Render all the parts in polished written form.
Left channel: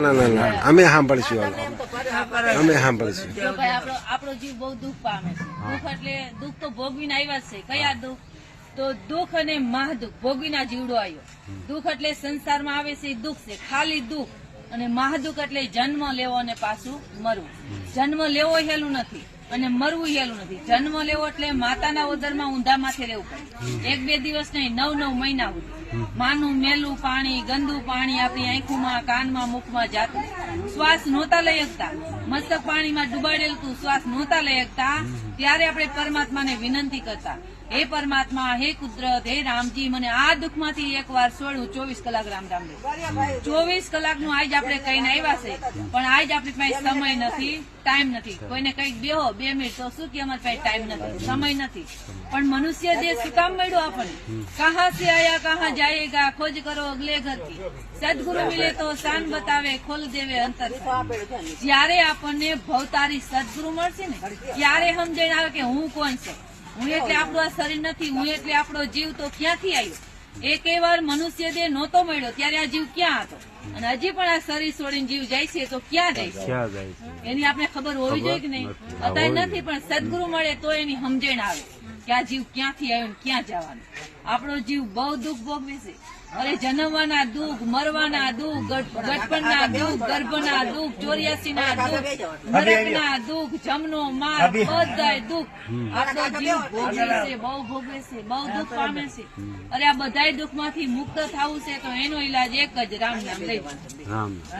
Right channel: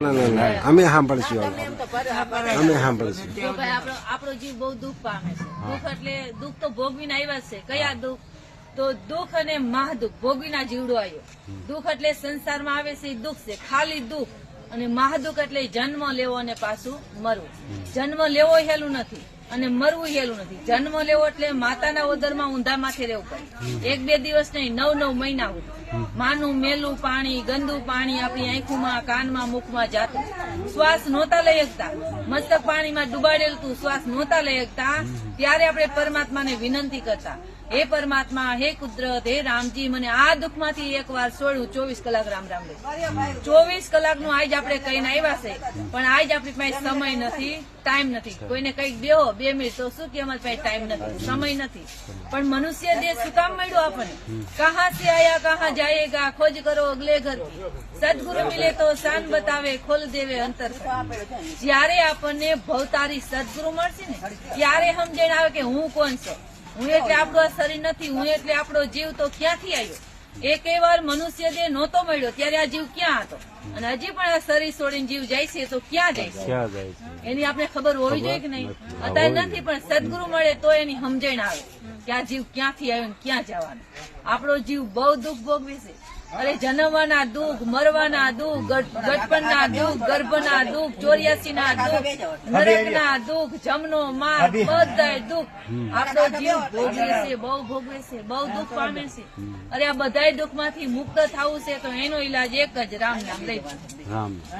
અમે સાંભળીશું આપણો જીવ બહુ દુઃખ પામે છે. દુઃખ એટલે દુઃખ તો ભોગવીને આવ્યા છે. કયા દુઃખ? તો દુઃખ અને મહાદુઃખ ભોગવીના જીવડો આવ્યો. દુઃખ એટલે સંસારમાં આવે છે દુઃખ છે, ખાલી દુઃખ. અને મહાદુઃખ એટલે જન્મ લેવો અને પાછું મરવું. જન્મ લેવો હેલું નથી અને મરવું હેલું નથી. જન્મ લેવો એટલે માતાના ઉદરમાં ઊંધા માથે રહેવું પડે. 1-2 દિવસ નહીં, 9-9 મહિના સુધી માનું મેલું પાણી, ગંદુ પાણી આપણી આંખોમાં, કાનમાં, મુખમાં જાતું. શ્વાસ નહોતા લઈ શકતા, મસ્તક પાણીમાં ડુબાડેલું તું, શ્વાસ નહોતા લઈ શકતા. ત્યારે આપણે પરમાત્માને વિનંતી કરતા, હે પરમાત્મા, હે કુદરત, હે રામજી, મને આ દુઃખમાંથી એકવાર છોડું. 24 કલાક રામ રામ લે. 24 કલાકનું આજ આપણે કહીને આવ્યા છે, પણ આજ આપણી પાસે સમય નથી, ટાઈમ નથી. કોઈને કઈક બેહો 2 મિનિટ તો શું કે અમારી પાસે ટાઈમ નથી, સમય નથી. પણ મનુષ્ય દેહ શું કામ મળ્યો આપણને? કહા સે આયા કહા જાયેગા, ખોજ કરો અગલે ઘર કી. સદગુરુ મિલે તો શાન બતાવે, ખોલ દેવે અંતર. જયારે આપણને ભવતારી સદગુરુ મળશે ને, ત્યારે સમજાઈને આવે કે હું કોણ છું. હું એટલે આપણું આ શરીર નથી, હું એટલે આપણો જીવ તો ક્યાંથી આવ્યો? એક વાર મનુષ્ય દેહ નહોતો મળ્યો ત્યારે આ જીવ ક્યાં હતો? અને હજી પણ આ શરીર છોડીને જીવ જાય છે તો ક્યાં જાય છે? એની આપણે ખબર હોવી જોઈએ કે નહીં? અત્યારે નથી, પણ સદગુરુ મળે તો એની સમજણ આવે કે આ જીવ ક્યાંથી આવ્યો ને ક્યાં જવાનું. આપણો જીવ બહુ દુઃખ ભોગવે છે. અરે જન્મવાના દુઃખ, મરવાના દુઃખ, ગઢપણના દુઃખ, ગર્ભના દુઃખ, 84ના દુઃખ, નરકના દુઃખ, જમનો માર, બધાય દુઃખ આપણો જીવ ભોગવે છે, બહુ ભોગવે છે, બહુ દુઃખ પામે છે. અરે આ બધાય દુઃખમાંથી મુક્ત થવું છે તો એનો ઈલાજ એક જ, રામ નામ લઈ.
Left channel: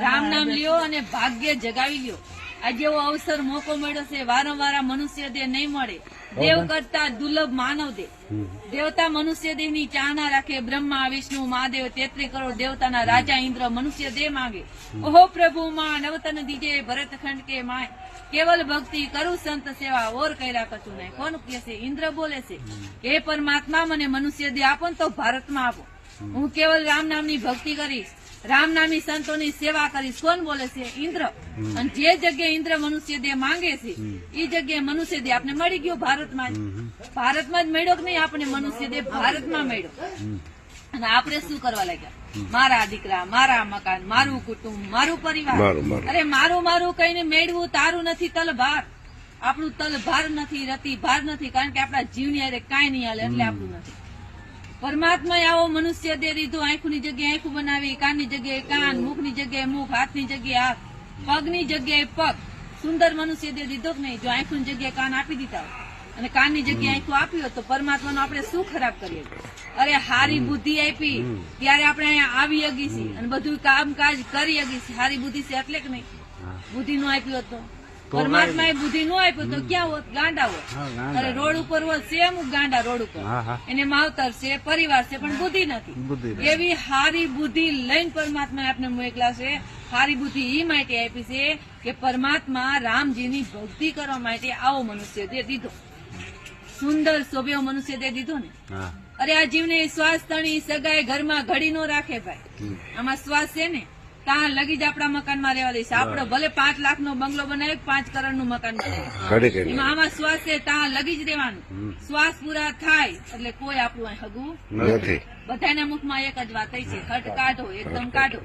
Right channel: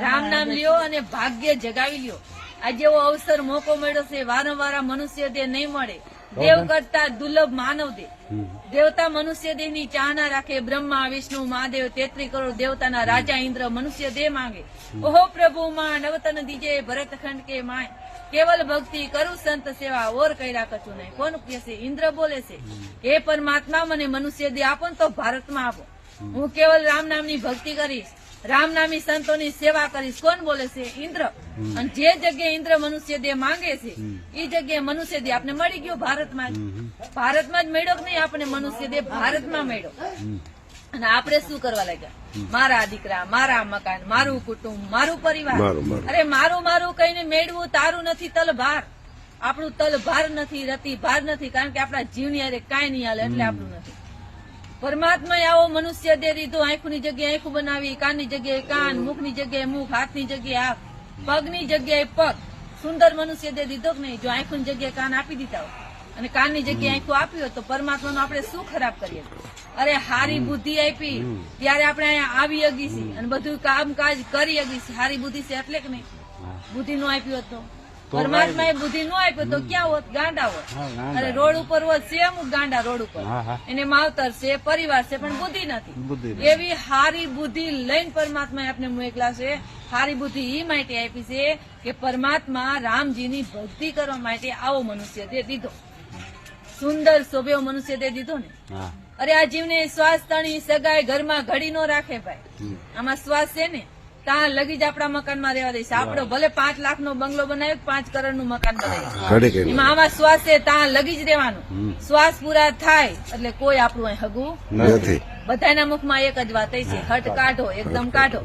રામ નામ લ્યો અને ભાગ્ય જગાવી લ્યો. આ જેવો અવસર મોકો મળ્યો છે, વારંવાર મનુષ્ય દેહ નહીં મળે. દેવ કરતા દુર્લભ માનવ દેહ. દેવતા મનુષ્ય દેહ ની ચાહના રાખે. બ્રહ્મા, વિષ્ણુ, મહાદેવ, 33 કરોડ દેવતાના રાજા ઇન્દ્ર મનુષ્ય દેહ માંગે. ઓહો પ્રભુ માં નવતન દીજે ભરતખંડ કે માય. કેવલ ભક્તિ કરું સંત સેવા, ઓર કૈરા કશું નહીં. કોણ કે છે? ઇન્દ્ર બોલે છે, હે પરમાત્મા, મને મનુષ્ય દેહ આપો ને તો ભારતમાં આપો. હું કેવલ રામ નામની ભક્તિ કરીશ, રામ નામી સંતોની સેવા કરીશ. કોણ બોલે છે? ઇન્દ્ર. અને જે જગ્યાએ ઇન્દ્ર મનુષ્ય દેહ માંગે છે એ જગ્યાએ મનુષ્ય દેહ આપણે મળી ગયો ભારતમાં જ. ભારતમાં જ મળ્યો કે નહીં? આપણે મનુષ્ય દેહ ભારતમાં મળ્યો. અને આપણે શું કરવા લાગ્યા? મારા દીકરા, મારા મકાન, મારું કુટુંબ, મારું પરિવાર. અરે મારું મારું કહીને મેળવું તારું નથી તલભાર. આપણું તલભાર નથી, રતી ભાર નથી, કારણ કે આપણા જીવની અરે કાંઈ નહીં હાલે એટલે આપણું નથી. પરમાત્માએ આવો મનુષ્ય દેહ દીધો. આંખની જગ્યાએ આંખું બનાવી, કાનની જગ્યાએ કાન, મુખની જગ્યાએ મુખ, હાથની જગ્યાએ હાથ, પગની જગ્યાએ પગ. સુંદર મનુષ્ય દેહ દીધો કે નહીં? જો આંખની જગ્યાએ કાન આપી દીધા હોય અને કાનની જગ્યાએ આંખું આપ્યું હોત તો પરમાત્માનું આપણે શું ખરાબ કરીએ? અરે હારી બુદ્ધિ આપી ત્યારે આપણે અહીંયા આવી હગી છીએ અને બધું કામકાજ કરી હગી છીએ. હારી બુદ્ધિ છે એટલે કે નહીં? બુદ્ધિ નું આપ્યું હોત તો પરમાત્માએ બુદ્ધિ નો આપ્યો તો ક્યાં હોત? ગાંડા હોત. અરે રોડ ઉપર હોત છે અમુક ગાંડા રોડ ઉપર, એને માવતર છે, પરિવાર છે, પણ બુદ્ધિ નથી. એવી હારી બુદ્ધિ લઈને પરમાત્માએ આપણે મોકલા છે. હારી બુદ્ધિ એ માટે આપી છે કે પરમાત્મા રામજીની ભક્તિ કરવા માટે આવો મનુષ્ય દેહ દીધો. સુંદર શોભ્યો મનુષ્ય દેહ દીધો ને. અરે આ જીવને શ્વાસ તણી સગાઈ ઘરમાં ઘડી નો રાખે ભાઈ. આમાં શ્વાસ છે ને ત્યાં લગી જ આપણા મકાનમાં રહેવા દઈશ. આપડે ભલે 5 લાખનો બંગલો બનાવી, 5 કરોડનું મકાન બનાવી, એમાં આમાં શ્વાસ છે ત્યાં લગી જ રહેવાનું. શ્વાસ પૂરા થાય એટલે કોઈ આપણું અહીં હગું નથી. બધાના મુખમાં એક જ વાત છે, હટ કાઢો, એકદમ કાઢો.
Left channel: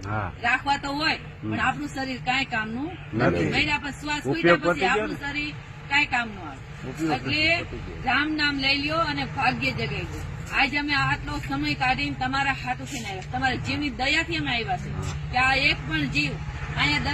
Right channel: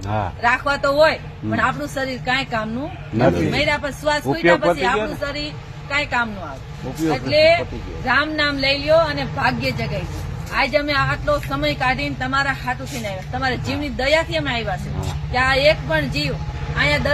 રાખવા તો હોય પણ આપણું શરીર કાંઈ કામનું નથી. મહિના પછી શ્વાસ પૂર્યા પછી આપણું શરીર કાંઈ કામનું આવે. એટલે રામ નામ લઈ લ્યો અને ભાગ્ય જગાવી દો. આજે અમે આટલો સમય કાઢીને તમારા હાથું થઈને આવ્યા, તમારા જીવની દયાથી અમે આવ્યા છે કે આ એક પણ જીવ અહીંયા